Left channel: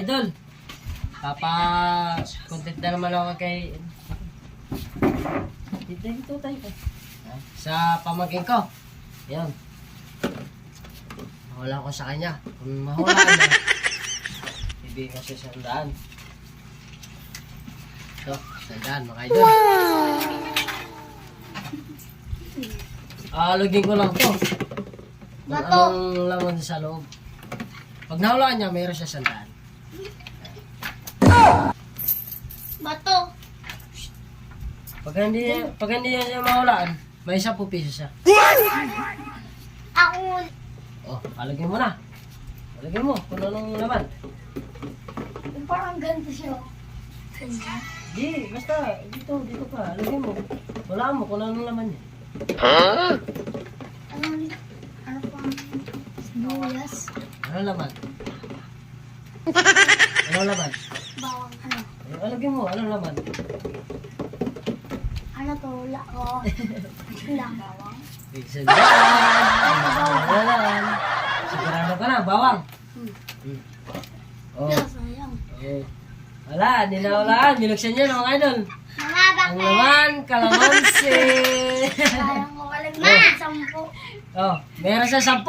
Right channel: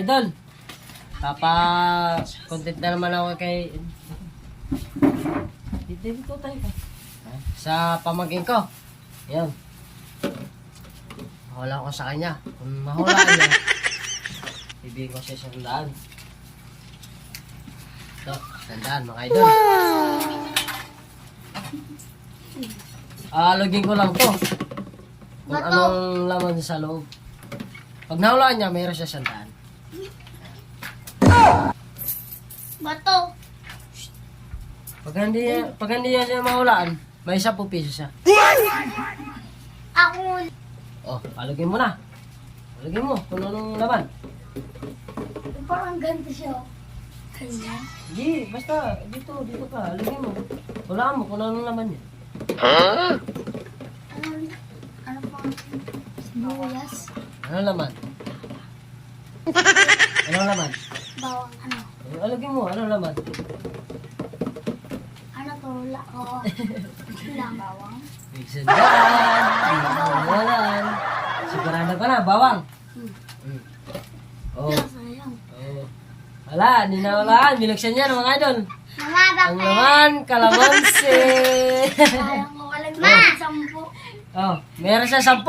idol. Content na naman ako kay... Dito tayo. Sa pamangkin ko. Ayan. Mahula ko sa kanya. Kung mahulaan niya, hindi ko siya 100. Ito, 100 mga idol. Lagyan ko lang to. Kung anong laman sa loob. Pag nahulaan niya, mayroon siya 100. Bato. Pag hindi niya siya mahulaan, may 10 piso siya. Ako. Oh, alagyan mo na. Alagyan mo kung anong laman. Parang ganito siya. Kanya? Di, basta dito ka. Alagyan mo. Hulaan mo kung anong laman eh. Ano pa? Buyas. Anong laman? Anong laman? Bawang ano? Alagyan mo, anong laman? Ano to? Lang bawang. Wala. Sigurado ka na, bawang. Oh. Sayang. Oh. Wala, hindi na walaan. Niluksan niya mga idol. Mga Ang laman, kalamansi. Sayang ko kalag. Ma! 10. Oh, meron siya 10.